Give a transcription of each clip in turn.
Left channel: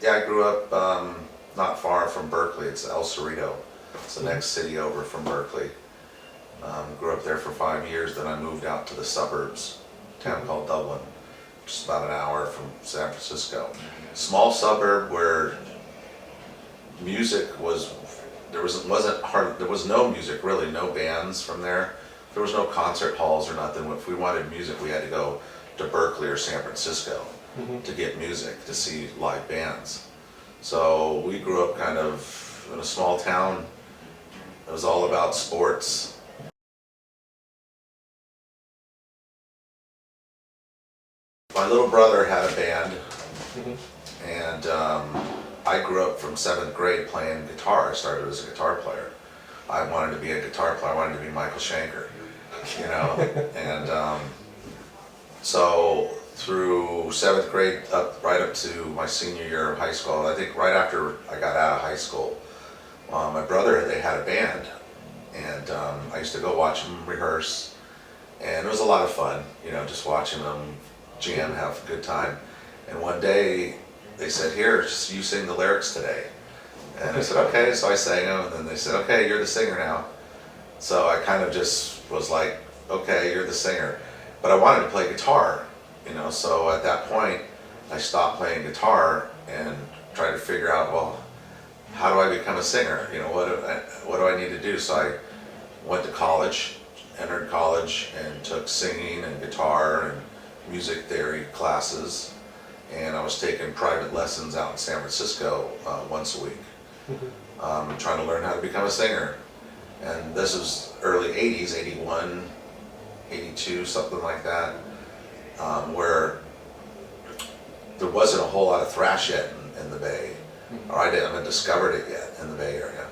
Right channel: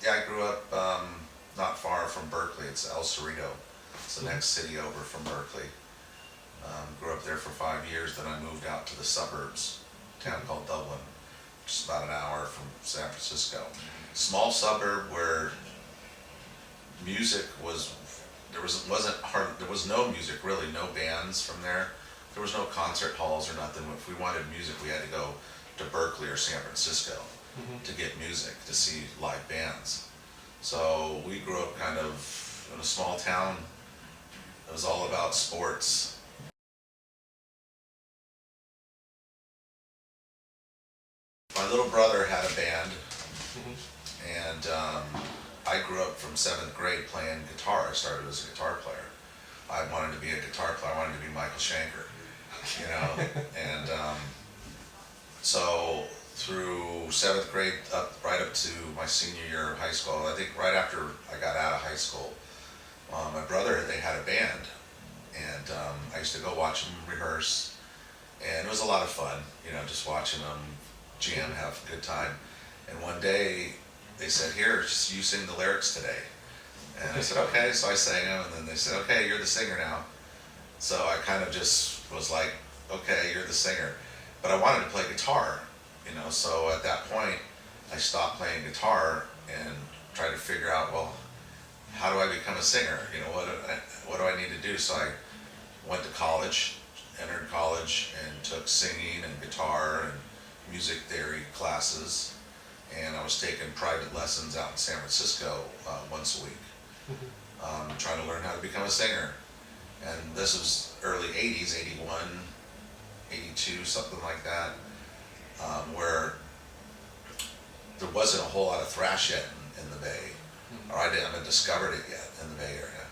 Yeah, I grew up not far from Berkeley. It's El Cerrito. It's the next city over from Berkeley. Grew up there for 5 years, then I moved out to the suburbs, a town called Dublin, just about an hour from San Francisco. Small suburb where music was, there was no music really, no bands from there. There was no concert halls or nothing. If we wanted music, we had to go to Berkeley or San Francisco to get music, to see live bands. So we grew up kind of in a small town. It was all about sports. My little brother had a band, and I grew up from 7th grade playing guitar. I started as a guitar player. I wanted to be a guitar player. I wanted to be Michael Schenker, you know. And so through 7th grade, right up to my senior year of high school, I think right after I got out of high school, my brother, they had a band, and I used to go watch them rehearse, and it was a lot of fun, you know, just watching them jam, have a good time. And one day they said, "Here, just you sing the lyrics today." And I said, "Okay." So I sang them, and then they said, "Okay, you're the singer now." So I kind of just was like, "Okay, you're the singer." But I wanted to play guitar, you know, so at that point I stopped playing guitar and tried to figure out, well, how do I become a singer? You know, what do I need to do? So I went to college, entered college, and took singing and guitar and music theory classes, and I was taking private lessons out in San Francisco once a week, trying to learn how to become a singer. And this was early 80s, 81, 82, something like that, where there wasn't a whole lot of thrash yet in the Bay, or I haven't discovered it yet in the Bay Area.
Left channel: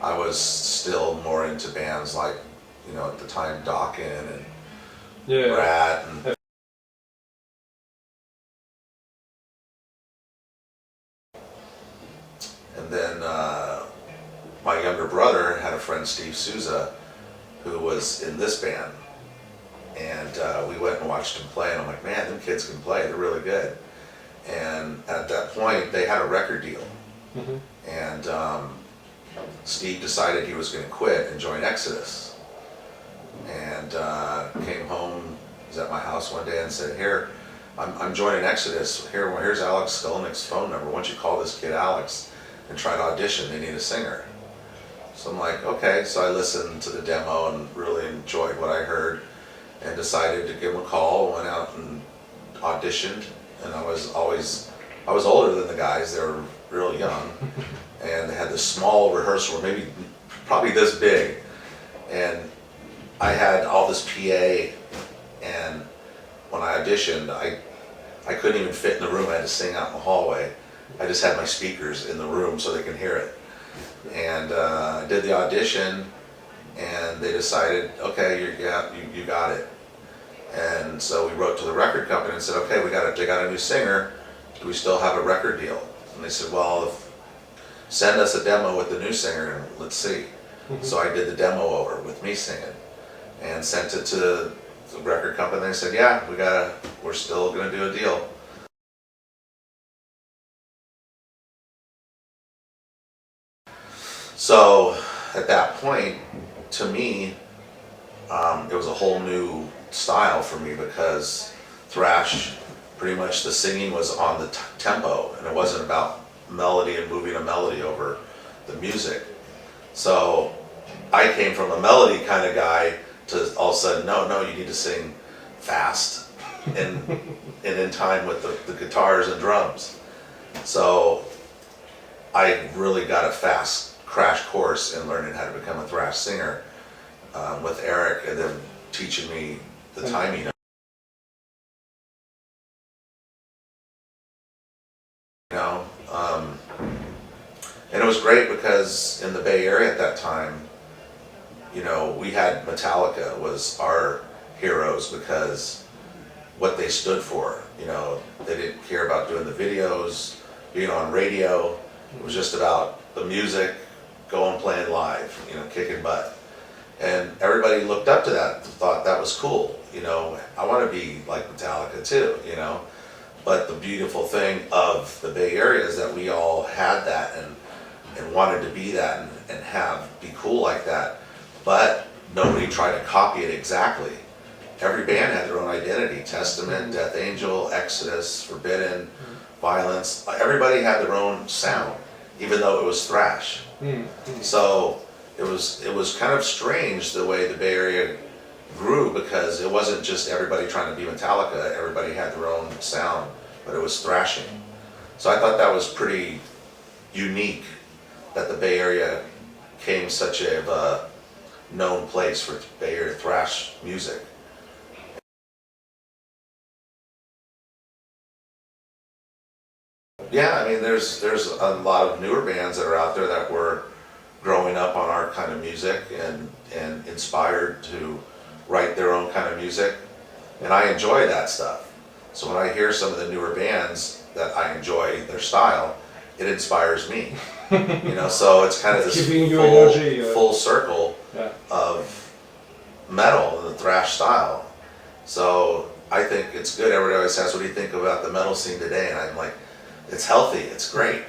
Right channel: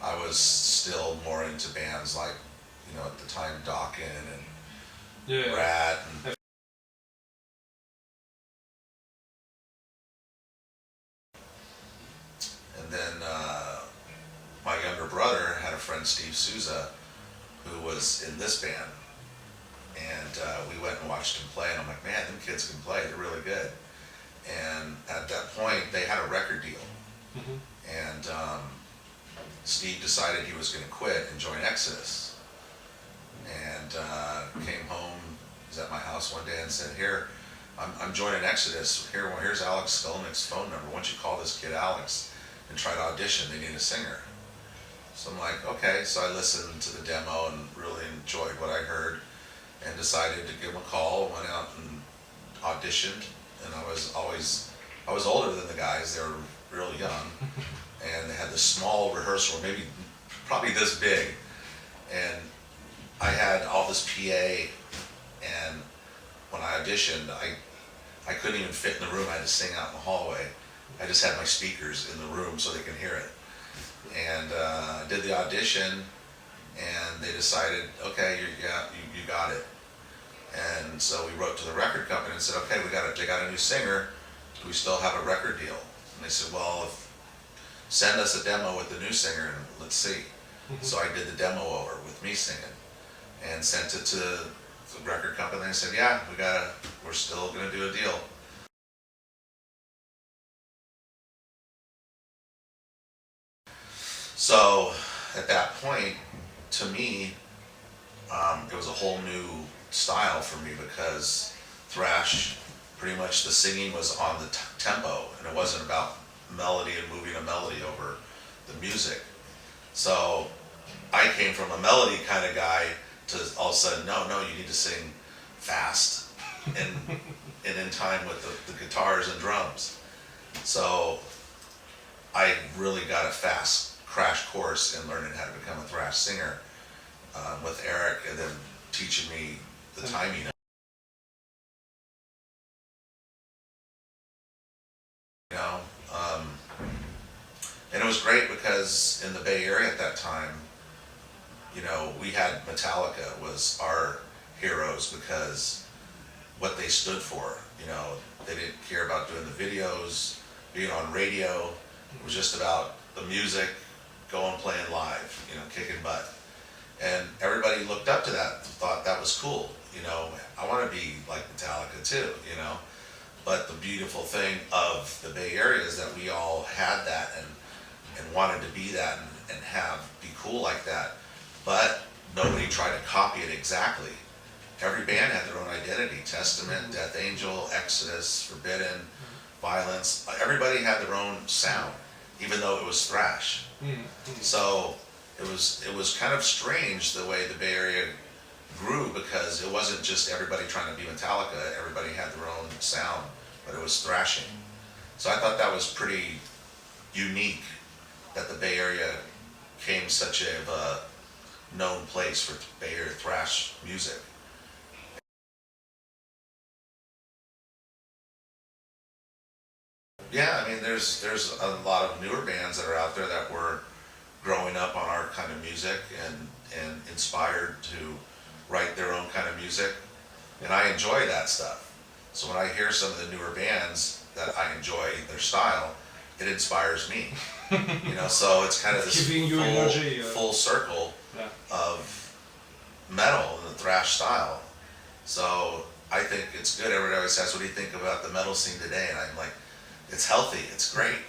I was still more into bands like, you know, at the time Dokken and Rat and then my younger brother had a friend, Steve Souza, who was in this band, and we went and watched him play, and I'm like, man, them kids can play, they're really good. And at that point they had a record deal, and Steve decided he was going to quit and join Exodus, and came home. He was at my house one day and said, "Here, I'm joining Exodus. Here's Alex Skolnick's phone number. Why don't you call this kid Alex and try to audition? They need a singer." So I'm like, okay. So I listened to the demo and really enjoyed what I heard, and decided to give him a call. Went out and auditioned, and I was older than the guys. They were real young, and they had this small rehearsal room, probably this big, and I had all this PA, and when I auditioned, I couldn't even fit in the room. I had to sing out in the hallway. I just had my speakers in the room so they can hear it. And I did the audition, and they decided, okay, you got it. And so we wrote to the record company and said, okay, they got a new singer. Do we still have a record deal? And they said, well, send us a demo with the new singer and let's see. So I did the demo over with me singing and sent it to the record company. They said, yeah, we're still gonna do a deal. So at that point, to me, it was a whole new style for me, because thrash, pretty much the singing was on the tempo, and it wasn't about melody and moving a melody over the music. So I came from a melody kind of guy to all of a sudden, no, you need to sing fast and in time with the guitars and drums. So I really got a fast crash course in learning how to become a thrash singer with Eric, and then teaching me the timing. You know, and it was great because in the Bay Area at that time, you know, we had Metallica was our heroes because what they stood for. You know, they didn't care about doing the videos, being on radio. It was just about the music, going playing live, you know, kicking butt. And everybody looked up to that, thought that was cool. You know, I want to be like Metallica too, you know. But the beautiful thing of the Bay Area is that we all had that and wanted to be that and be cool like that. But nobody tried to copy it exactly. Every band had their own identity. Testament, Death Angel, Exodus, Forbidden, Violence. Everybody had their own sound, even though it was thrash. So it was kind of strange the way the Bay Area grew, because it wasn't just everybody trying to be Metallica. Everybody had their own sound, but it was thrashing. So I thought that was pretty unique, that the Bay Area became such a known place for Bay Area thrash music. Yeah, I mean, there's a lot of newer bands that are out there that were growing up on our kind of music and inspired to write their own kind of music, and I enjoy that stuff. So when I hear some of the newer bands that I enjoy their style, it inspires me. So it's kind of this full circle of metal and the thrash style. So I think it's good. Everybody always asks, what do you think about the metal scene today? And I'm like, it's healthy, it's great.